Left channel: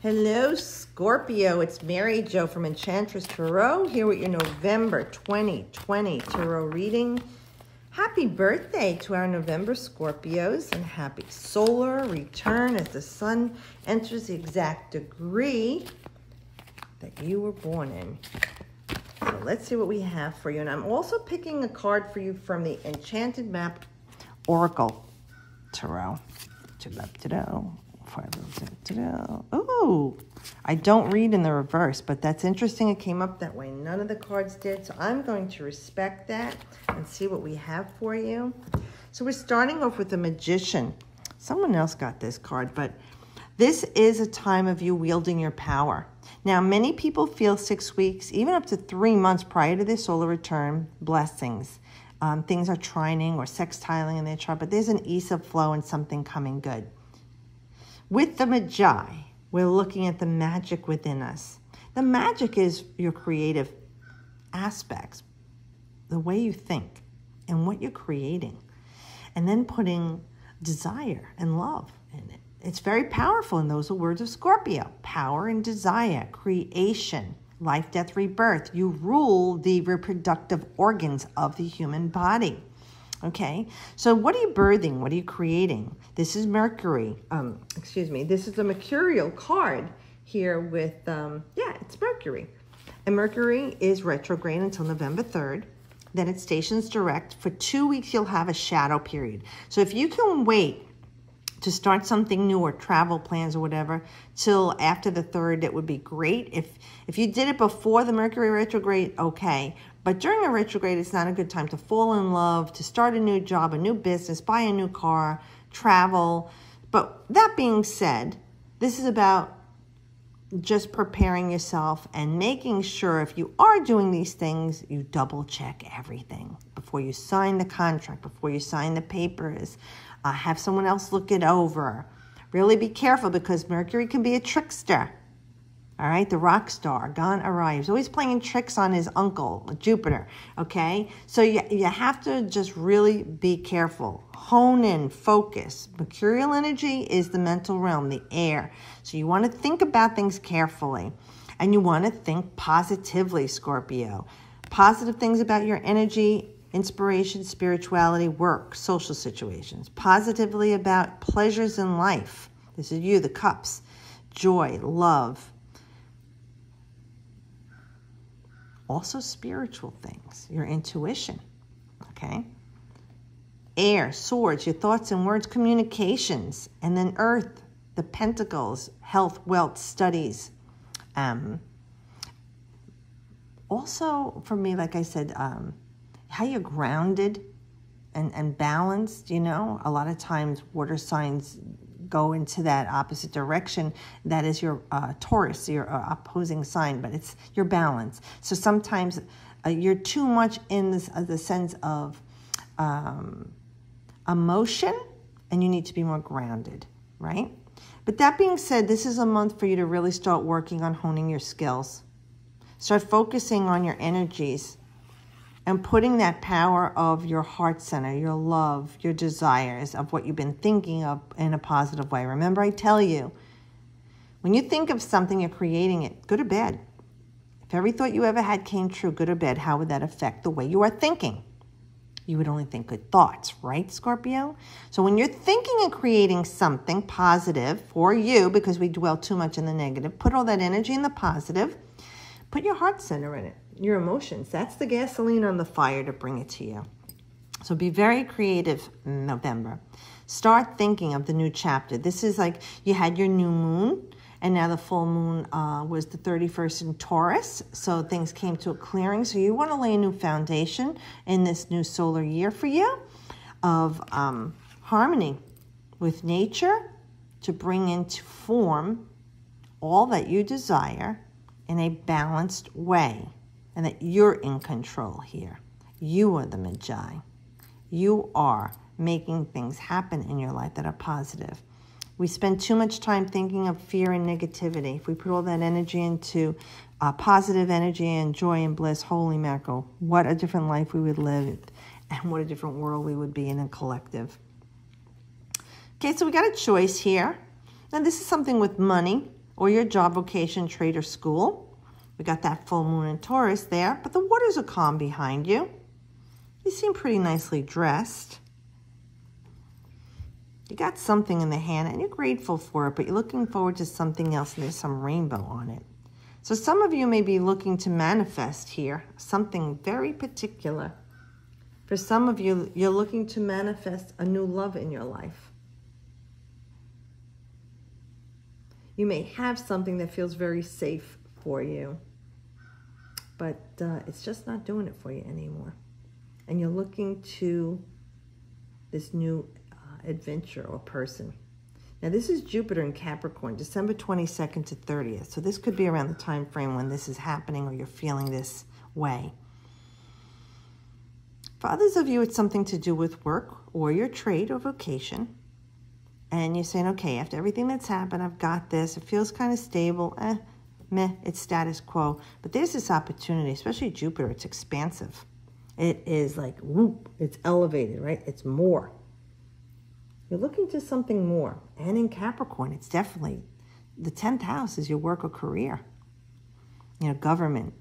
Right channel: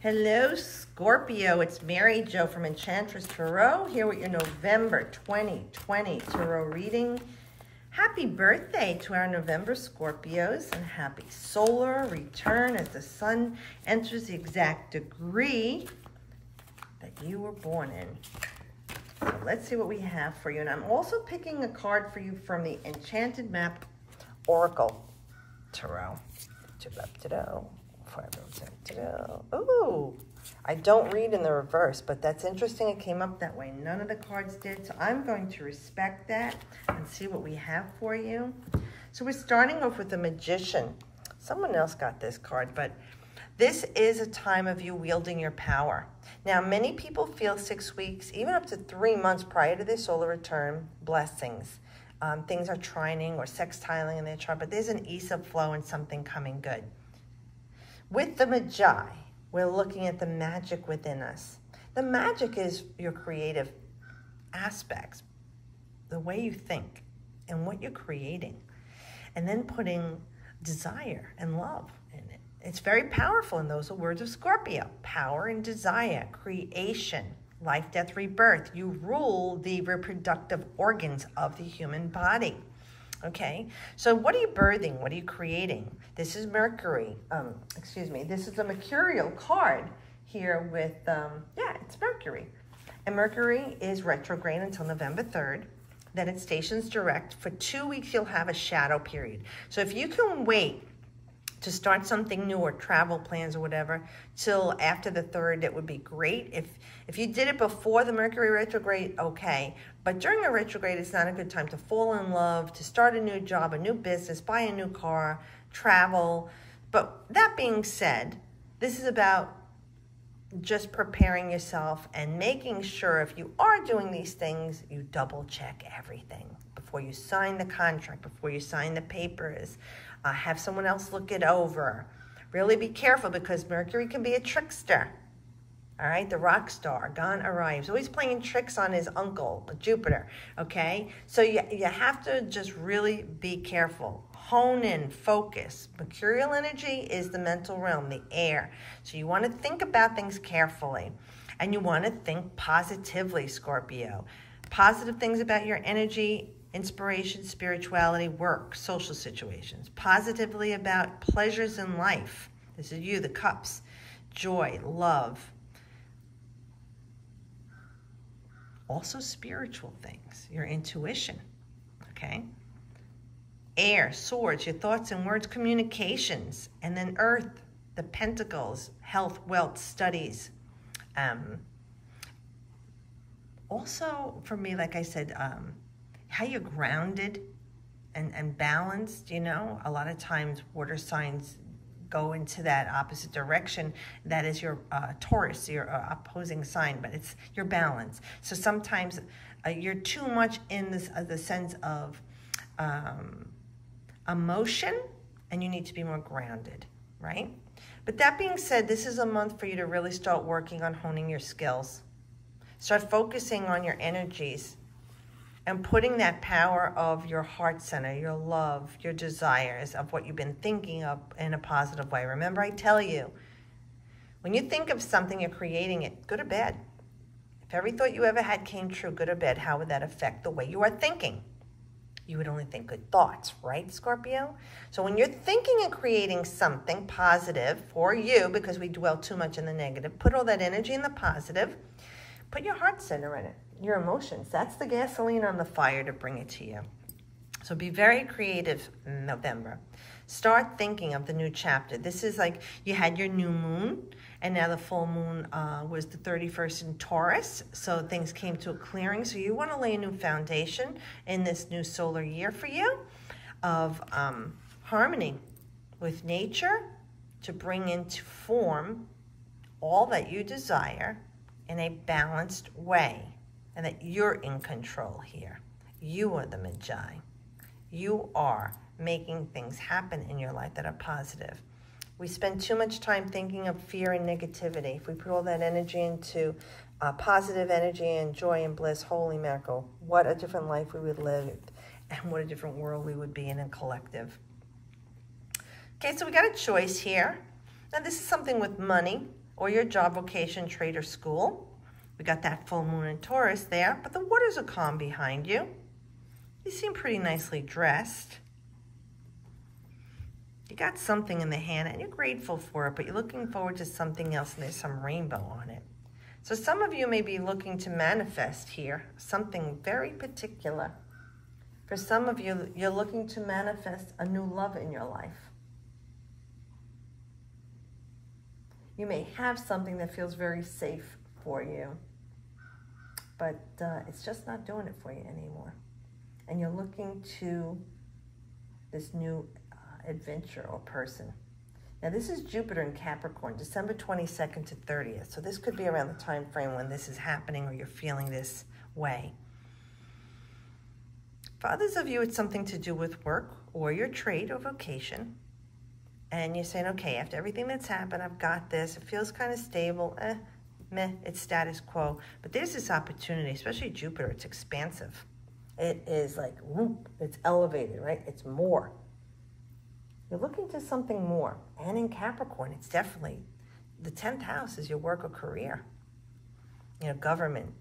Hello, Scorpio. It's Mary Jo from Enchantress Tarot here with your November 2020 Tarot reading. Happy birthday to our November Scorpios and happy solar return as the sun enters the exact degree that you were born in. So let's see what we have for you. And I'm also picking a card for you from the Enchanted Map Oracle Tarot. Ooh, I don't read in the reverse, but that's interesting. It came up that way. None of the cards did, so I'm going to respect that and see what we have for you. So we're starting off with the Magician. Someone else got this card, but this is a time of you wielding your power. Now, many people feel 6 weeks, even up to 3 months prior to their solar return, blessings. Things are trining or sextiling in their chart, but there's an ease of flow and something coming good. With the Magi, we're looking at the magic within us. The magic is your creative aspects, the way you think and what you're creating, and then putting desire and love in it. It's very powerful, and those are words of Scorpio. Power and desire, creation, life, death, rebirth. You rule the reproductive organs of the human body. Okay, so what are you birthing? What are you creating? This is Mercury. This is a mercurial card here with, it's Mercury. And Mercury is retrograde until November 3rd. Then it stations direct. For 2 weeks, you'll have a shadow period. So if you can wait to start something new or travel plans or whatever till after the 3rd, that would be great. If you did it before the Mercury retrograde, okay. But during a retrograde, it's not a good time to fall in love, to start a new job, a new business, buy a new car, travel. But that being said, this is about just preparing yourself and making sure if you are doing these things, you double check everything before you sign the contract, before you sign the papers. Have someone else look it over. Really be careful because Mercury can be a trickster. All right, the rock star, gone arrives. Always playing tricks on his uncle, Jupiter, okay? So you have to just really be careful. Hone in, focus. Mercurial energy is the mental realm, the air. So you want to think about things carefully. And you want to think positively, Scorpio. Positive things about your energy, inspiration, spirituality, work, social situations. Positively about pleasures in life. This is you, the cups. Joy, love. Also spiritual things, your intuition, okay? Air, swords, your thoughts and words, communications. And then earth, the pentacles, health, wealth, studies. Also, for me, like I said, how you're grounded and balanced, you know? A lot of times water signs go into that opposite direction. That is your Taurus, your opposing sign, but it's your balance. So sometimes you're too much in this, the sense of emotion, and you need to be more grounded, right? But that being said, this is a month for you to really start working on honing your skills. Start focusing on your energies and putting that power of your heart center, your love, your desires, of what you've been thinking of in a positive way. Remember, I tell you, when you think of something, you're creating it. Good or bad. If every thought you ever had came true, good or bad, how would that affect the way you are thinking? You would only think good thoughts, right, Scorpio? So when you're thinking and creating something positive for you, because we dwell too much in the negative, put all that energy in the positive. Put your heart center in it, your emotions. That's the gasoline on the fire to bring it to you. So be very creative in November. Start thinking of the new chapter. This is like you had your new moon, and now the full moon was the 31st in Taurus. So things came to a clearing. So you want to lay a new foundation in this new solar year for you of harmony with nature to bring into form all that you desire in a balanced way, and that you're in control here. You are the Magi. You are making things happen in your life that are positive. We spend too much time thinking of fear and negativity. If we put all that energy into positive energy and joy and bliss, holy mackerel, what a different life we would live, and what a different world we would be in a collective. Okay, so we got a choice here. Now this is something with money. or your job, vocation, trade, or school. We got that full moon in Taurus there, but the waters are calm behind you. You seem pretty nicely dressed. You got something in the hand and you're grateful for it, but you're looking forward to something else and there's some rainbow on it. So some of you may be looking to manifest here, something very particular. For some of you, you're looking to manifest a new love in your life. You may have something that feels very safe for you, but it's just not doing it for you anymore. And you're looking to this new adventure or person. Now this is Jupiter in Capricorn, December 22nd to 30th. So this could be around the time frame when this is happening or you're feeling this way. For others of you, it's something to do with work or your trade or vocation. And you're saying, okay, after everything that's happened, I've got this. It feels kind of stable. Meh, it's status quo. But there's this opportunity, especially Jupiter. It's expansive. It is like, whoop, it's elevated, right? It's more. You're looking to something more. And in Capricorn, it's definitely, the 10th house is your work or career. You know, government,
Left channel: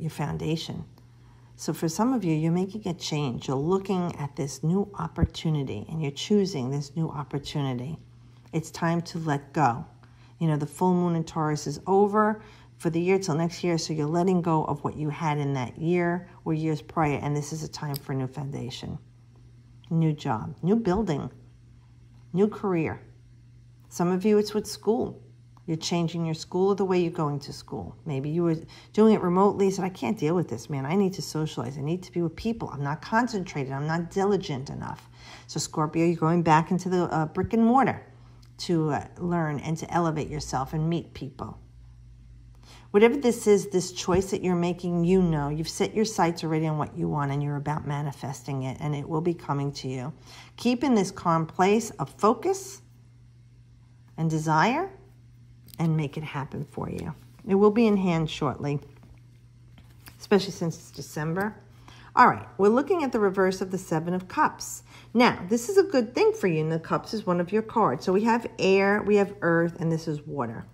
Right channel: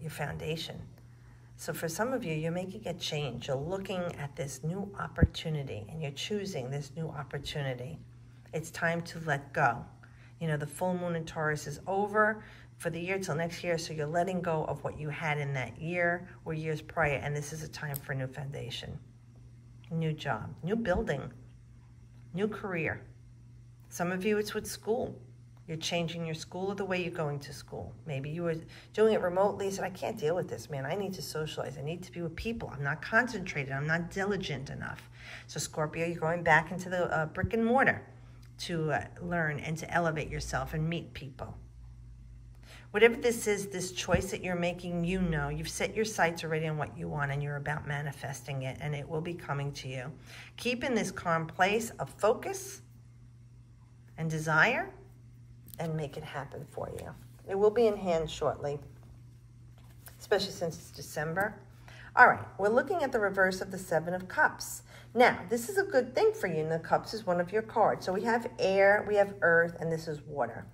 your foundation. So for some of you, you're making a change. You're looking at this new opportunity and you're choosing this new opportunity. It's time to let go. You know, the full moon in Taurus is over for the year till next year. So you're letting go of what you had in that year or years prior. And this is a time for a new foundation, new job, new building, new career. Some of you, it's with school. You're changing your school or the way you're going to school. Maybe you were doing it remotely, said, I can't deal with this, man. I need to socialize. I need to be with people. I'm not concentrated. I'm not diligent enough. So Scorpio, you're going back into the brick and mortar to learn and to elevate yourself and meet people. Whatever this is, this choice that you're making, you know, you've set your sights already on what you want and you're about manifesting it and it will be coming to you. Keep in this calm place of focus and desire and make it happen for you. It will be in hand shortly, especially since it's December. All right, we're looking at the reverse of the 7 of Cups. Now, this is a good thing for you, and the Cups is one of your cards. So we have air, we have earth, and this is water.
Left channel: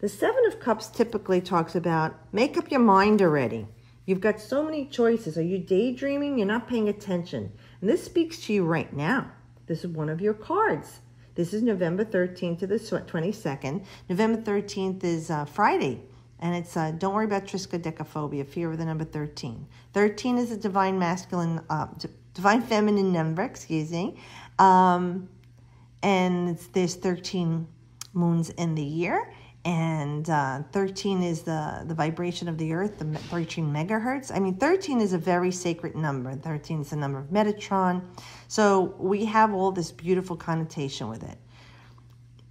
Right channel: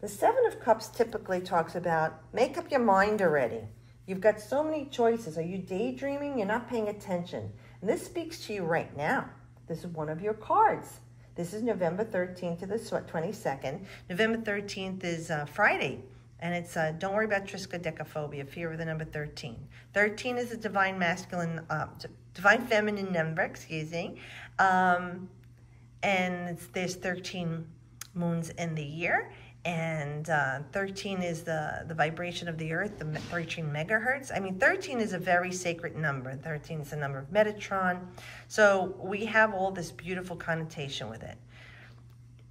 The 7 of Cups typically talks about make up your mind already. You've got so many choices. Are you daydreaming? You're not paying attention. And this speaks to you right now. This is one of your cards. This is November 13th to the 22nd. November 13th is Friday. And it's don't worry about triskaidekaphobia, fear of the number 13. 13 is a divine masculine, divine feminine number, excuse me. And there's 13 moons in the year. And 13 is the vibration of the earth, the 13 megahertz. I mean, 13 is a very sacred number. 13 is the number of Metatron. So we have all this beautiful connotation with it.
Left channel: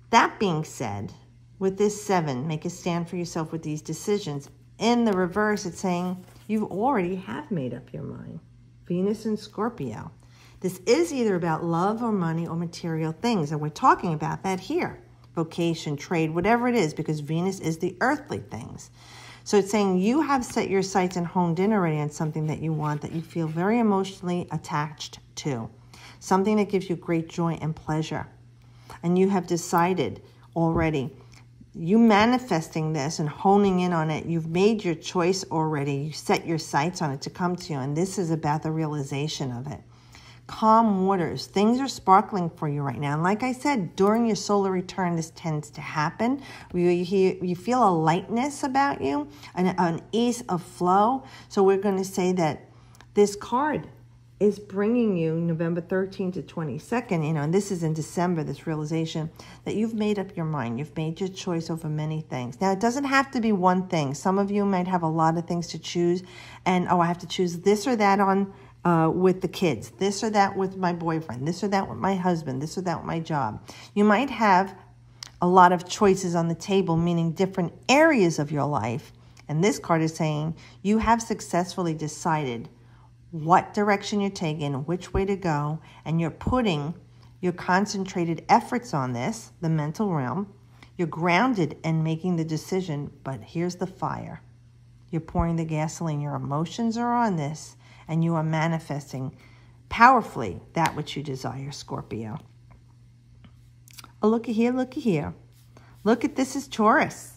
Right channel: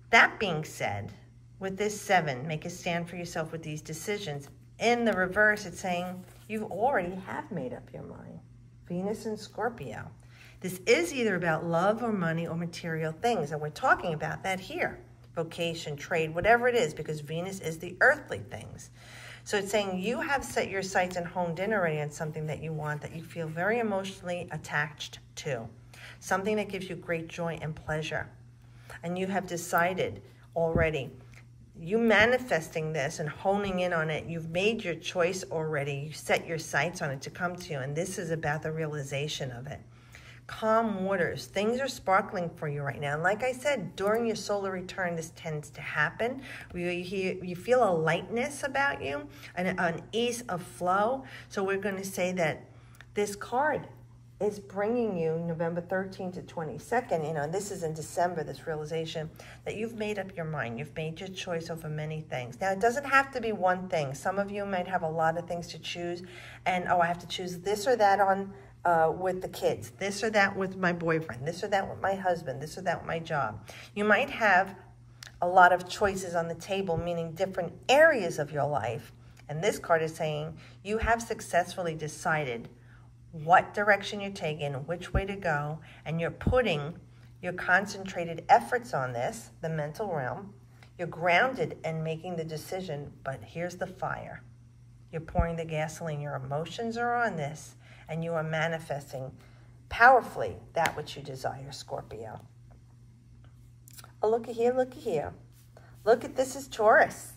That being said, with this 7, make a stand for yourself with these decisions. In the reverse, it's saying you already have made up your mind. Venus and Scorpio. This is either about love or money or material things. And we're talking about that here. Vocation, trade, whatever it is, because Venus is the earthly things. So it's saying you have set your sights and honed in already on something that you want, that you feel very emotionally attached to. Something that gives you great joy and pleasure. And you have decided already, you manifesting this and honing in on it, you've made your choice already. You set your sights on it to come to you. And this is about the realization of it. Calm waters. Things are sparkling for you right now. And like I said, during your solar return, this tends to happen. You feel a lightness about you, an ease of flow. So we're going to say that this card is bringing you November 13th to 22nd, you know, and this is in December, this realization that you've made up your mind. You've made your choice over many things. Now, it doesn't have to be one thing. Some of you might have a lot of things to choose, and, oh, I have to choose this or that on with the kids, this or that with my boyfriend, this or that with my husband, this or that with my job. You might have a lot of choices on the table, meaning different areas of your life. And this card is saying you have successfully decided what direction you're taking, which way to go, and you're putting your concentrated efforts on this, the mental realm. You're grounded and making the decision, but here's the fire. You're pouring the gasoline. Your emotions are on this, and you are manifesting powerfully that which you desire, Scorpio. Oh, looky here, looky here. Look at this is Taurus.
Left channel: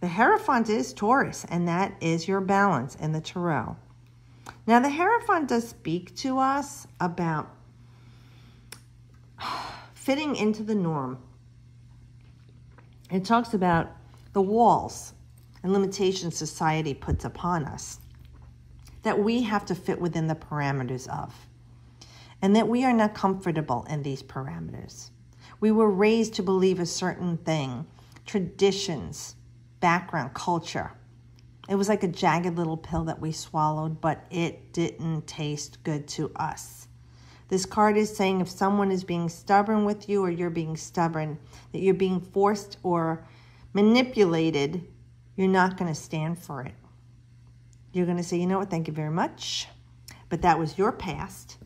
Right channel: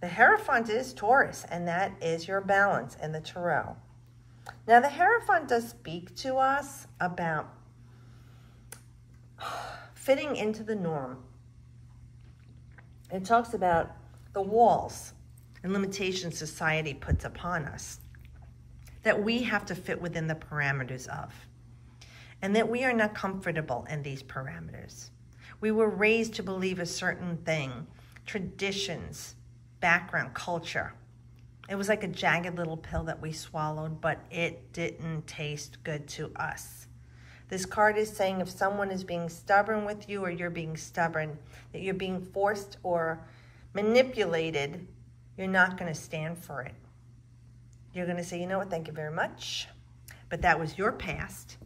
The Hierophant is Taurus, and that is your balance in the Tarot. Now, the Hierophant does speak to us about fitting into the norm. It talks about the walls and limitations society puts upon us that we have to fit within the parameters of, and that we are not comfortable in these parameters. We were raised to believe a certain thing, traditions, background, culture. It was like a jagged little pill that we swallowed, but it didn't taste good to us. This card is saying if someone is being stubborn with you or you're being stubborn, that you're being forced or manipulated, you're not going to stand for it. You're going to say, you know what, thank you very much, but that was your past.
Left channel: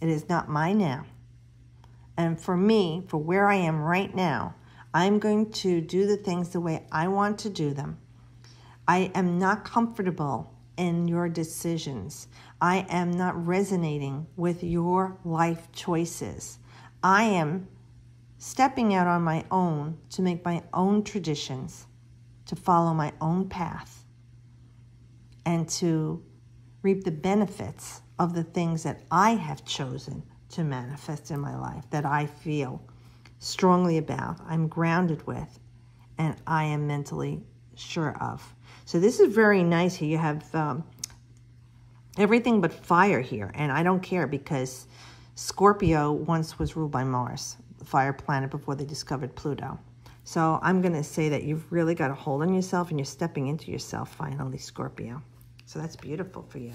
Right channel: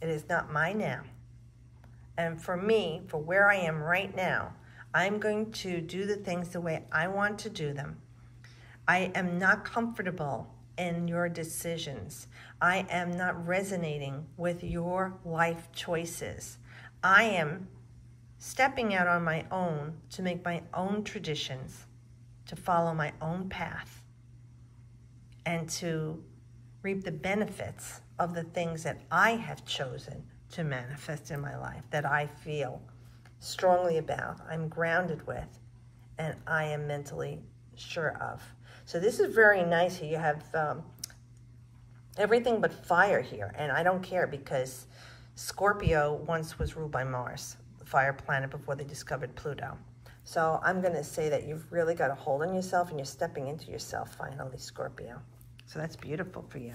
It is not mine now. And for me, for where I am right now, I'm going to do the things the way I want to do them. I am not comfortable in your decisions. I am not resonating with your life choices. I am stepping out on my own to make my own traditions, to follow my own path, and to reap the benefits of the things that I have chosen to manifest in my life, that I feel strongly about, I'm grounded with, and I am mentally sure of. So this is very nice here. You have everything but fire here, and I don't care because Scorpio once was ruled by Mars, the fire planet, before they discovered Pluto. So I'm going to say that you've really got a hold on yourself and you're stepping into yourself finally, Scorpio. So that's beautiful for you.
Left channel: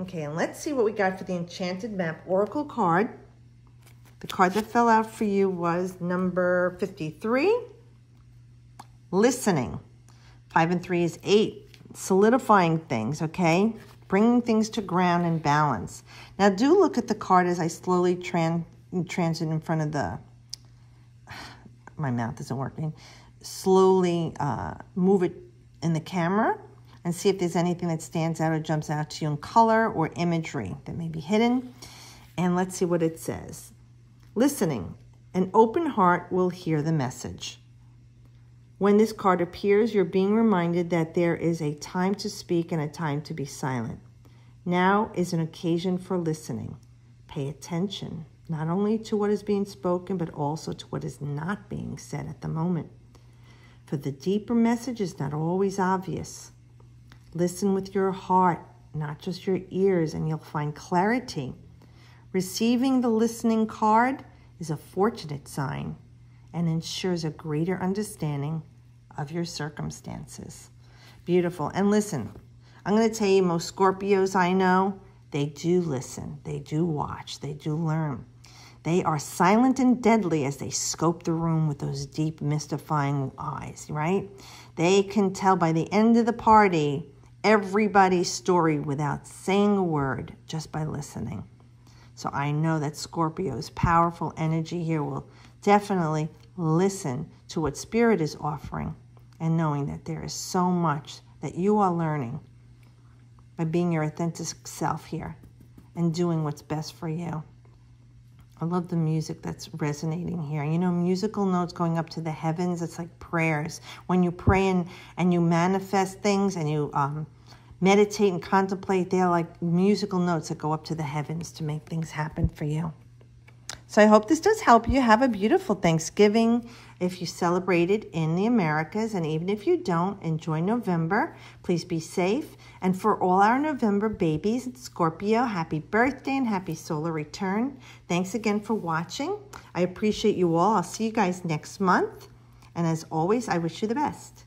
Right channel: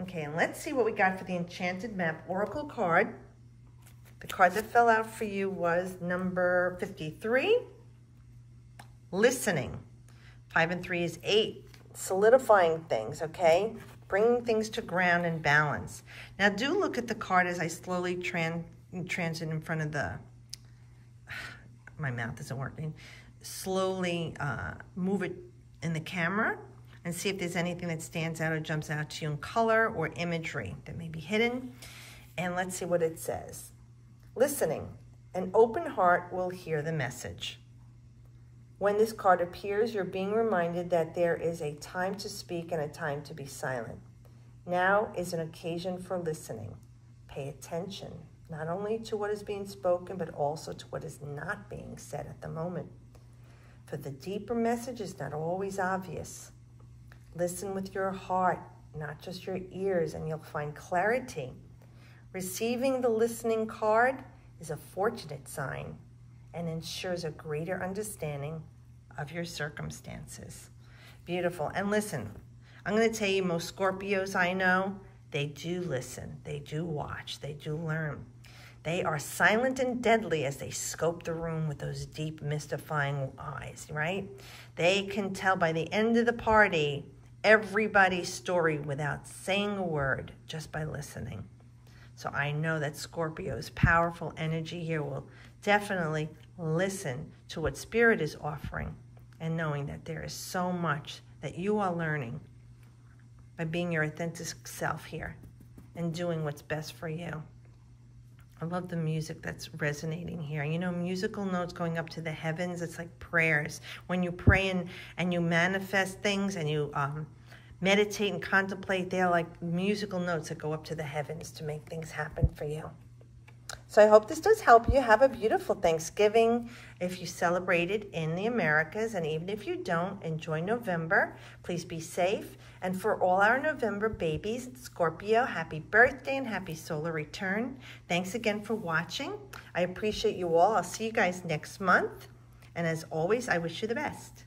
Okay, and let's see what we got for the Enchanted Map Oracle card. The card that fell out for you was number 53, listening. 5 and 3 is 8, solidifying things, okay? Bringing things to ground and balance. Now do look at the card as I slowly transit in front of the, my mouth isn't working, slowly move it in the camera and see if there's anything that stands out or jumps out to you in color or imagery that may be hidden. And let's see what it says. Listening, an open heart will hear the message. When this card appears, you're being reminded that there is a time to speak and a time to be silent. Now is an occasion for listening. Pay attention, not only to what is being spoken, but also to what is not being said at the moment. For the deeper message is not always obvious. Listen with your heart, not just your ears, and you'll find clarity. Receiving the listening card is a fortunate sign and ensures a greater understanding of your circumstances. Beautiful. And listen, I'm going to tell you, most Scorpios I know, they do listen, they do watch, they do learn. They are silent and deadly as they scope the room with those deep, mystifying eyes, right? They can tell by the end of the party everybody's story without saying a word, just by listening. So I know that Scorpio's powerful energy here will definitely listen to what Spirit is offering, and knowing that there is so much that you are learning by being your authentic self here and doing what's best for you. I love the music that's resonating here. You know, musical notes going up to the heavens, it's like prayers. When you pray and you manifest things and you meditate and contemplate, they're like musical notes that go up to the heavens to make things happen for you. So I hope this does help you. Have a beautiful Thanksgiving if you celebrated in the Americas, and even if you don't, enjoy November. Please be safe. And for all our November babies, Scorpio, happy birthday and happy solar return. Thanks again for watching. I appreciate you all. I'll see you guys next month. And as always, I wish you the best.